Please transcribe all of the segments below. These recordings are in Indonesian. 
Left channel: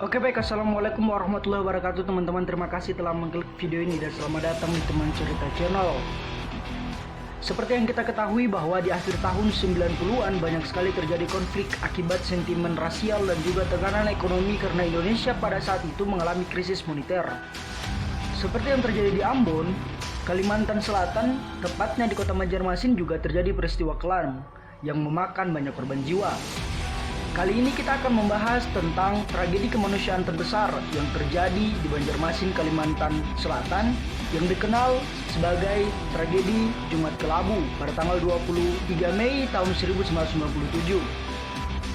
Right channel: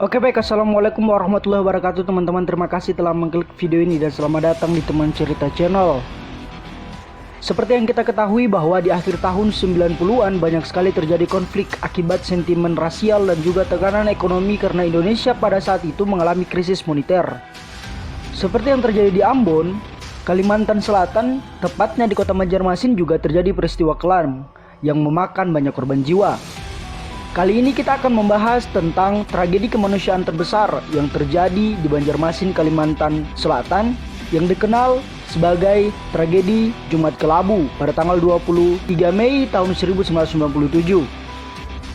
Oke baik, assalamualaikum warahmatullahi wabarakatuh teman-teman. Terima kasih telah mengklik video ini dan selamat datang di Teman Cerita Channel. Seperti yang kita ketahui bahwa di akhir tahun 90-an banyak sekali terjadi konflik akibat sentimen rasial dan juga tekanan ekonomi karena Indonesia pada saat itu mengalami krisis moneter. Seperti yang terjadi di Ambon, Kalimantan Selatan, tepatnya di kota Banjarmasin juga terjadi peristiwa kelam yang memakan banyak korban jiwa. Kali ini kita akan membahas tentang tragedi kemanusiaan terbesar yang terjadi di Banjarmasin, Kalimantan Selatan yang dikenal sebagai tragedi Jumat Kelabu pada tanggal 23 Mei tahun 1997.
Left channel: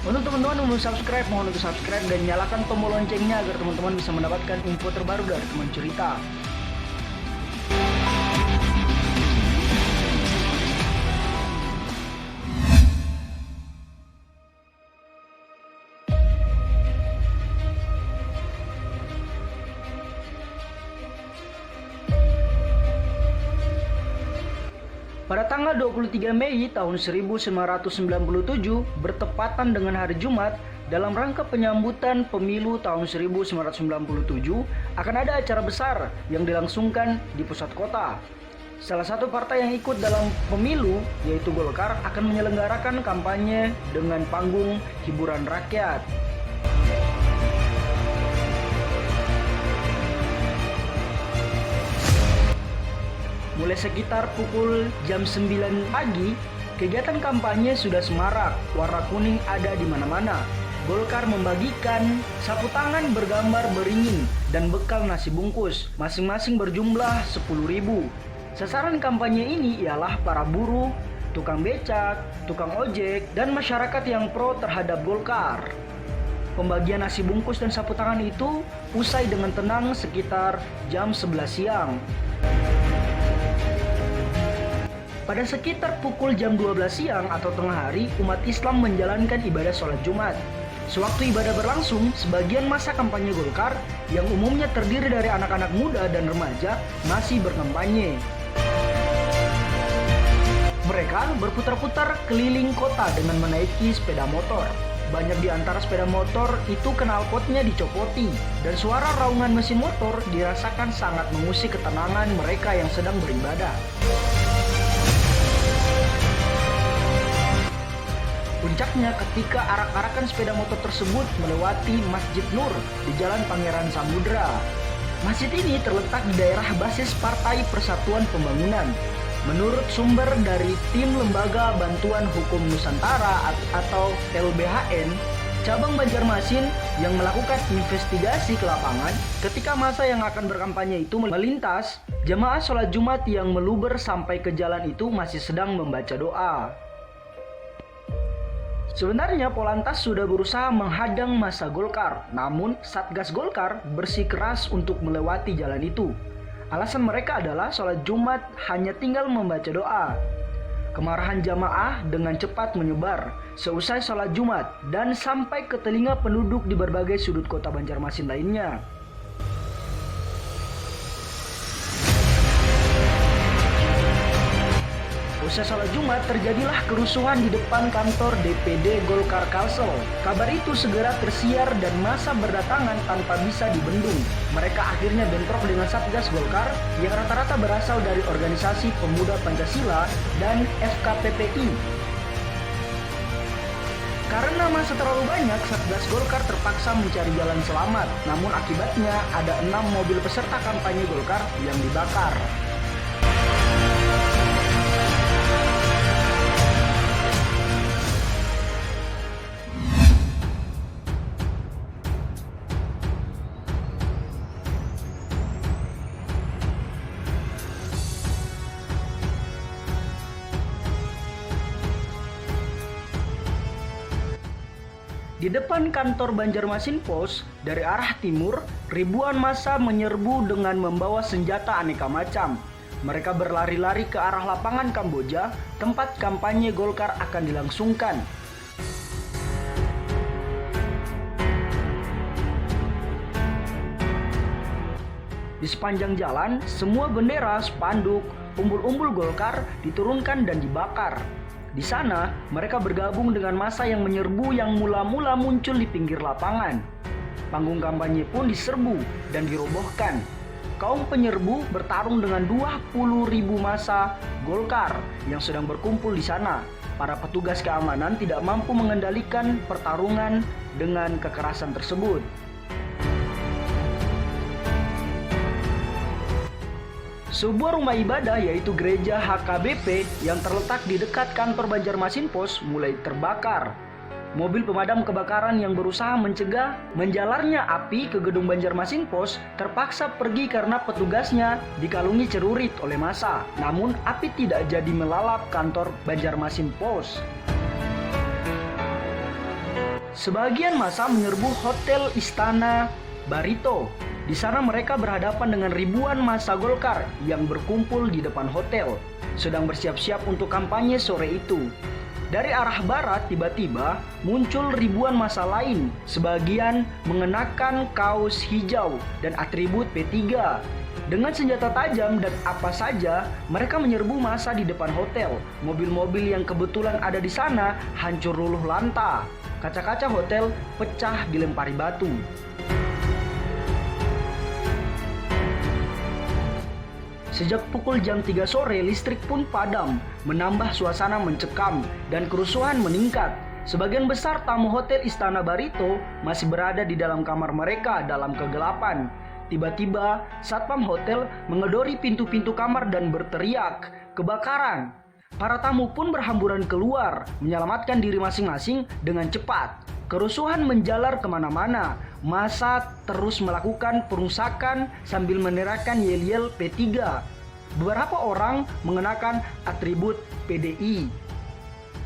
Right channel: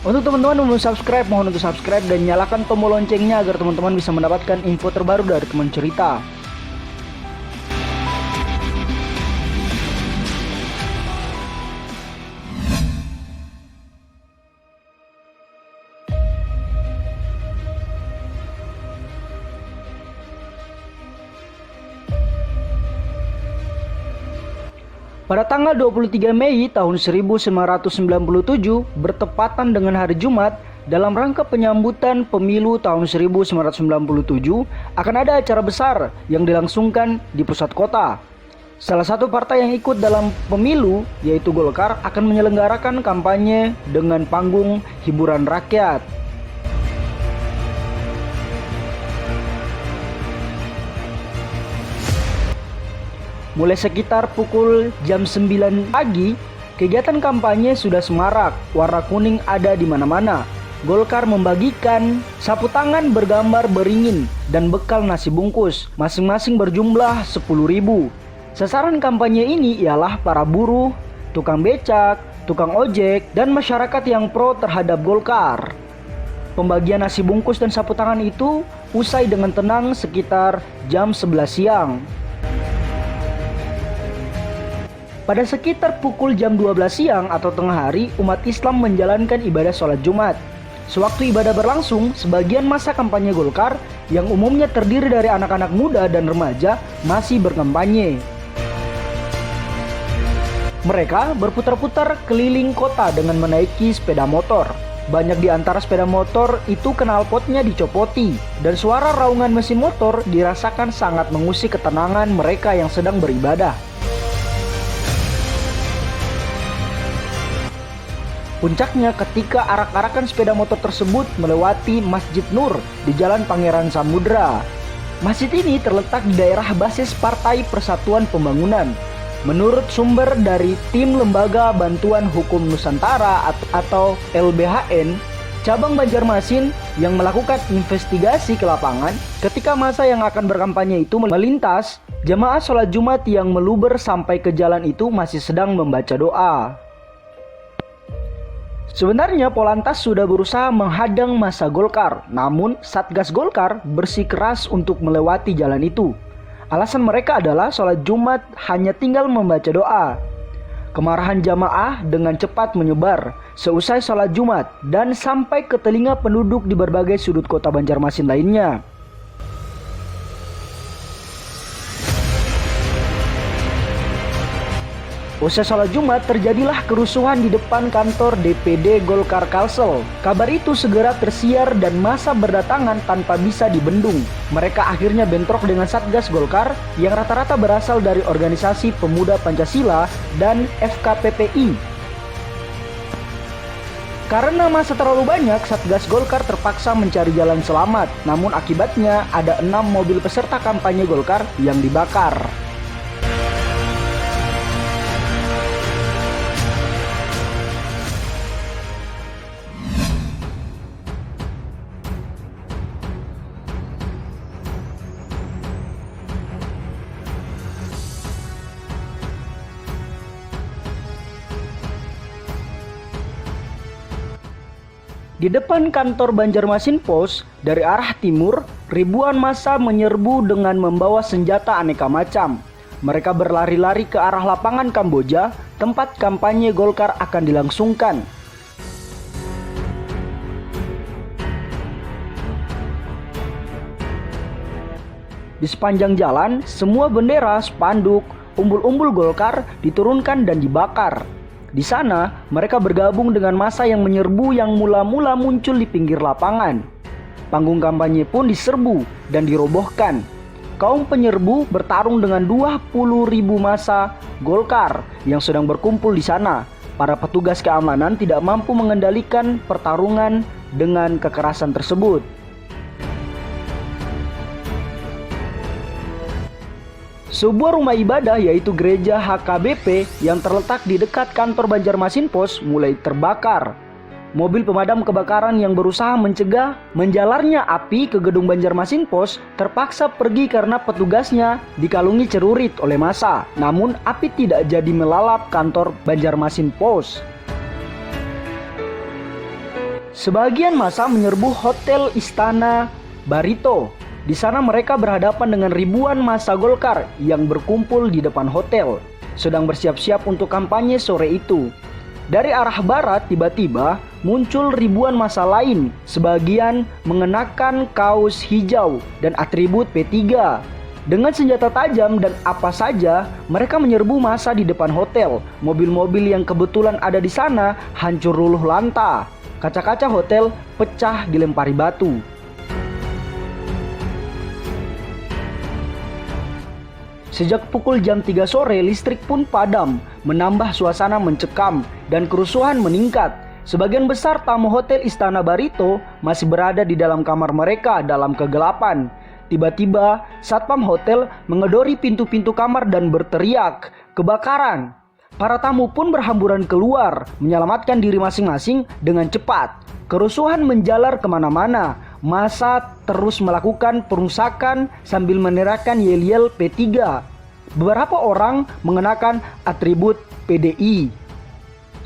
Untuk teman-teman yang belum subscribe, mohon untuk subscribe dan nyalakan tombol loncengnya agar teman-teman bisa mendapatkan info terbaru dari Teman Cerita. Pada tanggal 23 Mei tahun 1997, bertepatan dengan hari Jumat, dalam rangka penyambutan pemilu tahun 1997, akan ada acara besar yang dilangsungkan di pusat kota. Salah satu partai yang ikut dalam pemilu, yaitu Golkar, akan menyelenggarakan kampanye dengan panggung hiburan rakyat. Mulai sekitar pukul jam 9 pagi, kegiatan kampanye sudah semarak, warna kuning ada di mana-mana. Golkar membagikan sapu tangan bergambar beringin dan bekal nasi bungkus, masing-masing berjumlah 10.000. Sasaran kampanye ini ialah para buruh, tukang becak, tukang ojek, dan masyarakat yang pro terhadap Golkar. Pembagian nasi bungkus dan sapu tangan itu usai dengan tenang sekitar jam 11 siang. Pada sekitar pukul jam 12 siang atau tengah hari, umat Islam menjalankan ibadah sholat Jumat. Sewaktu ibadah berlangsung, sebagian masa kampanye Golkar yang umumnya terdiri dari anak-anak muda dan remaja masih berkampanye. Mereka berputar-putar keliling kota dengan menaiki sepeda motor. Banyak di antara sepeda motor itu knalpotnya dicopoti, dan suara raungan mesin motor dirasakan sangat mengusik ketenangan mereka yang sedang beribadah. Puncaknya ketika arak-arakan sepeda motor tersebut melewati Masjid Nur di Jalan Pangeran Samudra. Masjid ini terletak di daerah basis Partai Persatuan Pembangunan. Menurut sumber dari tim Lembaga Bantuan Hukum Nusantara atau LBHN, cabang Banjarmasin yang melakukan investigasi ke lapangan, ketika masa yang akan berkampanye itu melintas, jamaah sholat Jumat yang meluber sampai ke jalan itu masih sedang membaca doa. Sebenarnya Polantas sudah berusaha menghadang massa Golkar, namun Satgas Golkar bersikeras untuk melewati jalan itu. Alasan mereka adalah sholat Jumat hanya tinggal membaca doa. Kemarahan jamaah dengan cepat menyebar seusai sholat Jumat dan sampai ke telinga penduduk di berbagai sudut kota Banjarmasin lainnya. Usai sholat Jumat terjadilah kerusuhan di depan kantor DPD Golkar Kalsel. Kabar itu segera tersiar dan massa berdatangan tanpa bisa dibendung. Mereka akhirnya bentrok dengan Satgas Golkar yang rata-rata berasal dari organisasi pemuda Pancasila dan FKPPI. Karena massa terlalu banyak, Satgas Golkar terpaksa mencari jalan selamat. Namun akibatnya ada 6 mobil peserta kampanye Golkar yang dibakar. Di depan kantor Banjarmasin Pos, dari arah timur, ribuan massa menyerbu dengan membawa senjata aneka macam. Mereka berlari-lari ke arah lapangan Kamboja, tempat kampanye Golkar akan dilangsungkan. Di sepanjang jalan, semua bendera, spanduk, umbul-umbul Golkar diturunkan dan dibakar. Di sana, mereka bergabung dengan massa yang menyerbu yang mula-mula muncul di pinggir lapangan. panggung kampanye pun diserbu dan dirobohkan. Kaum penyerbu bertarung dengan 20.000 massa Golkar yang sedang berkumpul di sana. Para petugas keamanan tidak mampu mengendalikan pertarungan dengan kekerasan tersebut. Sebuah rumah ibadah yaitu gereja HKBP yang terletak di dekat kantor Banjarmasin Pos mulai terbakar. Mobil pemadam kebakaran yang berusaha mencegah menjalarnya api ke gedung Banjarmasin Pos terpaksa pergi karena petugasnya dikalungi celurit oleh massa. Namun api tidak jadi melalap kantor Banjarmasin Pos. Sebagian massa menyerbu Hotel Istana Barito. Di sana mereka berhadapan dengan ribuan massa Golkar yang berkumpul di depan hotel, sedang bersiap-siap untuk kampanye sore itu. Dari arah barat tiba-tiba muncul ribuan massa lain, sebagian mengenakan kaos hijau dan atribut P3. Dengan senjata tajam dan apa saja, mereka menyerbu massa di depan hotel. Mobil-mobil yang kebetulan ada di sana hancur luluh lanta. Kaca-kaca hotel pecah dilempari batu. Sejak pukul jam 3 sore, listrik pun padam, menambah suasana mencekam dan kerusuhan meningkat. Sebagian besar tamu Hotel Istana Barito masih berada di dalam kamar mereka dalam kegelapan. Tiba-tiba, satpam hotel mengedori pintu-pintu kamar dan berteriak, "Kebakaran!" Para tamu pun berhamburan keluar, menyelamatkan diri masing-masing dengan cepat. Kerusuhan menjalar kemana-mana. Massa terus melakukan perusakan sambil meneriakkan yel-yel P3. Beberapa orang mengenakan atribut PDI.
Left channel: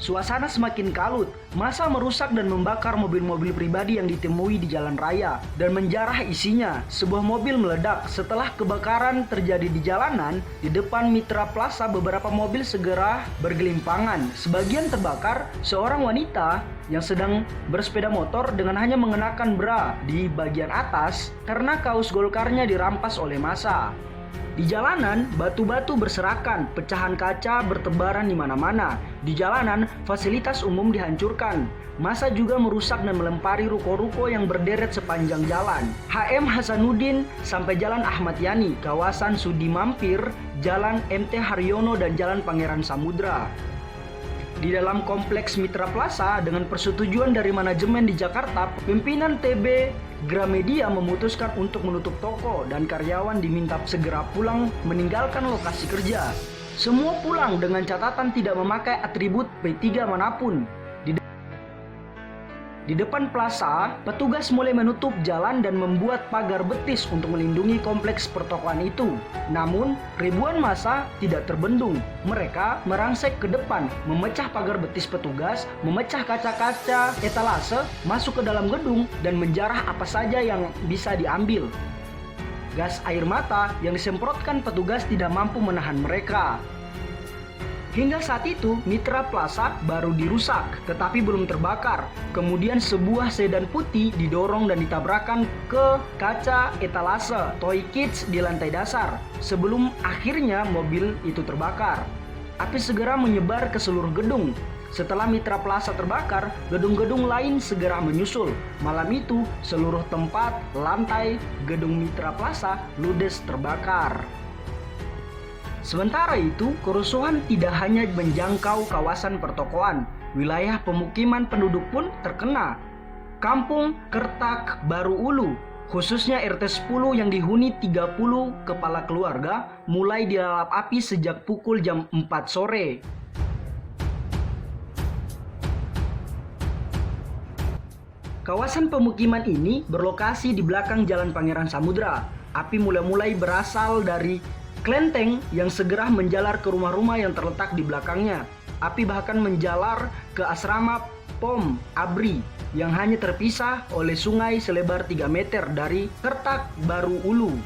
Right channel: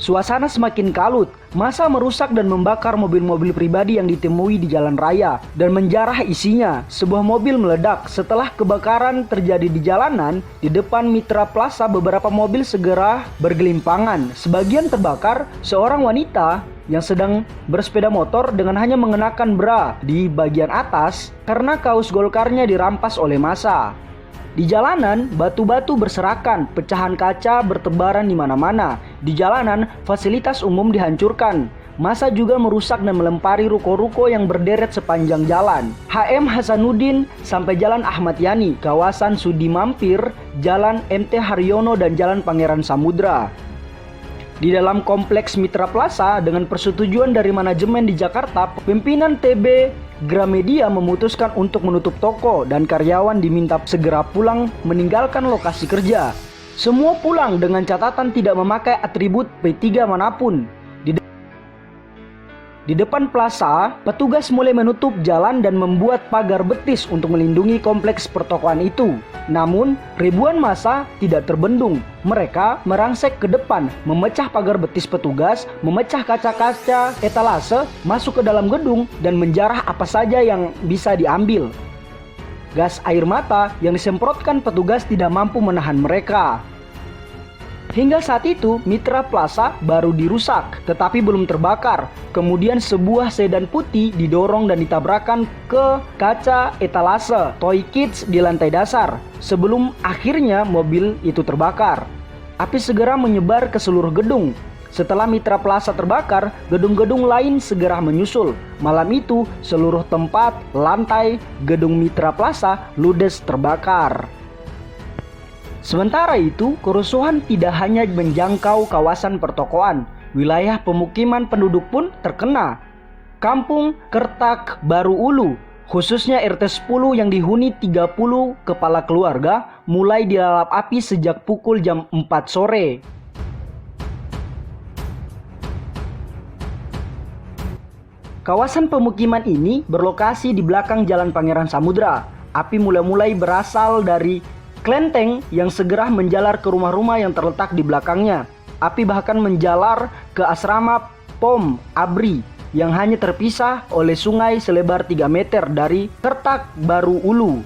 Suasana semakin kalut. Massa merusak dan membakar mobil-mobil pribadi yang ditemui di jalan raya dan menjarah isinya. Sebuah mobil meledak. Setelah kebakaran terjadi di jalanan, di depan Mitra Plaza beberapa mobil segera bergelimpangan. Sebagian terbakar. Seorang wanita yang sedang bersepeda motor dengan hanya mengenakan bra di bagian atas karena kaos Golkarnya dirampas oleh massa. Di jalanan, batu-batu berserakan, pecahan kaca bertebaran di mana-mana. Di jalanan, fasilitas umum dihancurkan. Massa juga merusak dan melempari ruko-ruko yang berderet sepanjang jalan. HM Hasanuddin sampai Jalan Ahmad Yani, kawasan Sudi Mampir, Jalan MT Haryono dan Jalan Pangeran Samudra. Di dalam kompleks Mitra Plaza, dengan persetujuan dari manajemen di Jakarta, pimpinan TB Gramedia memutuskan untuk menutup toko dan karyawan diminta segera pulang meninggalkan lokasi kerja. Semua pulang dengan catatan tidak memakai atribut P3 manapun. Di depan plaza, petugas mulai menutup jalan dan membuat pagar betis untuk melindungi kompleks pertokoan itu. Namun, ribuan massa tidak terbendung. Mereka merangsek ke depan, memecah pagar betis petugas, memecah kaca-kaca etalase, masuk ke dalam gedung, dan menjarah apa saja yang bisa diambil. Gas air mata yang disemprotkan petugas tidak mampu menahan mereka. Hingga saat itu, Mitra Plaza baru dirusak, tetapi belum terbakar. Kemudian sebuah sedan putih didorong dan ditabrakan ke kaca etalase Toy Kids di lantai dasar, sebelum akhirnya mobil itu terbakar. Api segera menyebar ke seluruh gedung. Setelah Mitra Plaza terbakar, gedung-gedung lain segera menyusul. Malam itu, seluruh tempat, lantai, gedung Mitra Plaza ludes terbakar. Sementara itu, kerusuhan tidak hanya menjangkau kawasan pertokoan, wilayah pemukiman penduduk pun terkena. Kampung Kertak Baru Ulu, khususnya RT 10 yang dihuni 30 kepala keluarga, mulai dilalap api sejak pukul jam 4 sore. Kawasan pemukiman ini berlokasi di belakang Jalan Pangeran Samudra. Api mulai berasal dari kelenteng yang segera menjalar ke rumah-rumah yang terletak di belakangnya. Api bahkan menjalar ke asrama POM ABRI yang hanya terpisah oleh sungai selebar 3 meter dari Kertak Baru Ulu.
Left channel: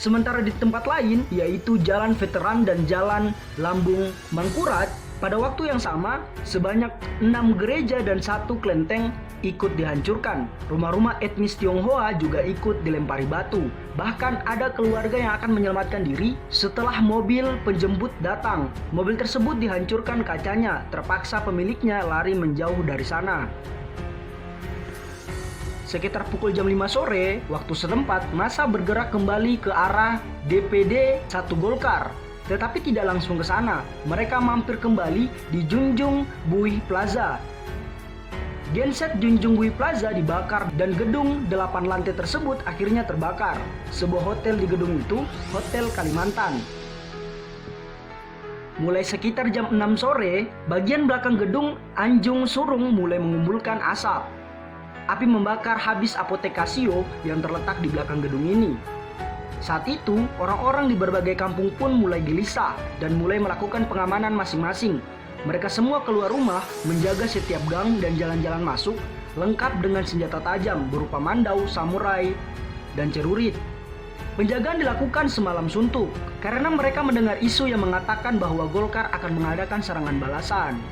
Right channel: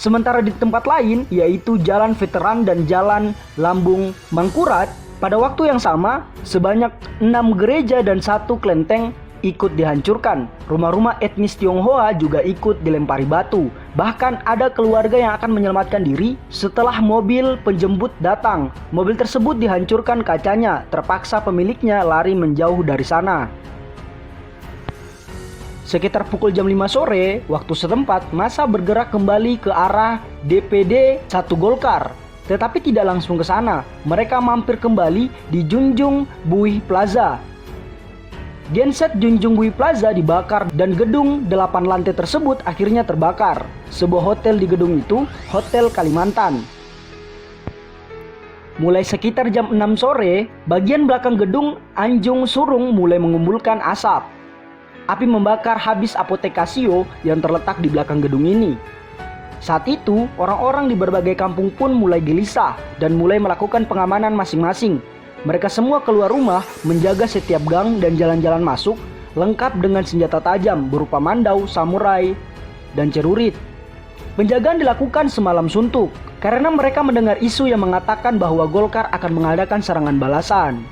Sementara di tempat lain, yaitu Jalan Veteran dan Jalan Lambung Mangkurat, pada waktu yang sama, sebanyak 6 gereja dan 1 kelenteng ikut dihancurkan. Rumah-rumah etnis Tionghoa juga ikut dilempari batu. Bahkan ada keluarga yang akan menyelamatkan diri setelah mobil penjemput datang. Mobil tersebut dihancurkan kacanya, terpaksa pemiliknya lari menjauh dari sana. Sekitar pukul jam 5 sore, waktu setempat, massa bergerak kembali ke arah DPD 1 Golkar. Tetapi tidak langsung ke sana, mereka mampir kembali di Junjung Buih Plaza. Genset Junjung Buih Plaza dibakar dan gedung 8 lantai tersebut akhirnya terbakar. Sebuah hotel di gedung itu, Hotel Kalimantan. Mulai sekitar jam 6 sore, bagian belakang gedung Anjung Surung mulai mengumpulkan asap. Api membakar habis apotek Casio yang terletak di belakang gedung ini. Saat itu, orang-orang di berbagai kampung pun mulai gelisah dan mulai melakukan pengamanan masing-masing. Mereka semua keluar rumah, menjaga setiap gang dan jalan-jalan masuk, lengkap dengan senjata tajam berupa mandau, samurai, dan cerurit. Penjagaan dilakukan semalam suntuk, karena mereka mendengar isu yang mengatakan bahwa Golkar akan mengadakan serangan balasan.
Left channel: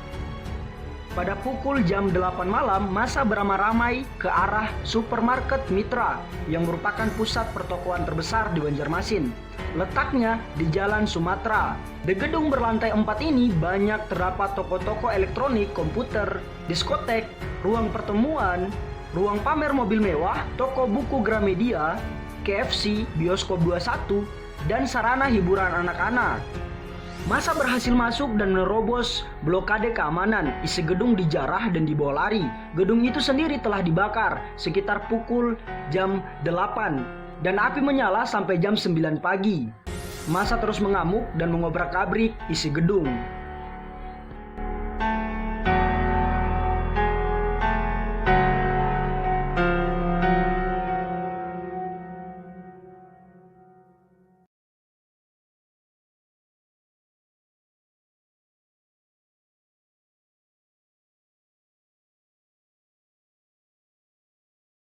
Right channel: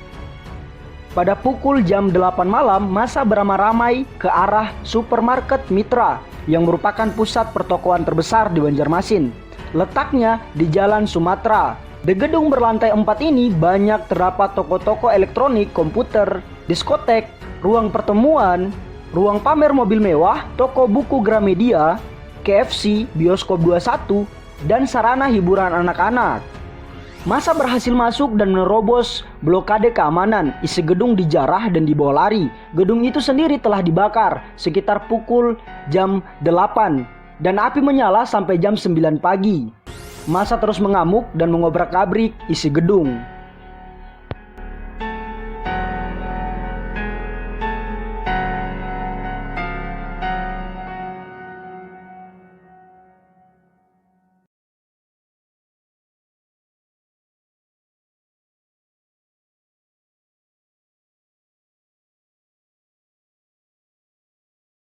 Pada pukul jam 8 malam, massa beramai-ramai ke arah supermarket Mitra yang merupakan pusat pertokoan terbesar di Banjarmasin. Letaknya di Jalan Sumatera. Di gedung berlantai 4 ini banyak terdapat toko-toko elektronik, komputer, diskotek, ruang pertemuan, ruang pamer mobil mewah, toko buku Gramedia, KFC, bioskop 21, dan sarana hiburan anak-anak. Massa berhasil masuk dan menerobos blokade keamanan. Isi gedung dijarah dan dibawa lari. Gedung itu sendiri telah dibakar sekitar pukul jam 8 dan api menyala sampai jam 9 pagi. Massa terus mengamuk dan mengobrak-abrik isi gedung.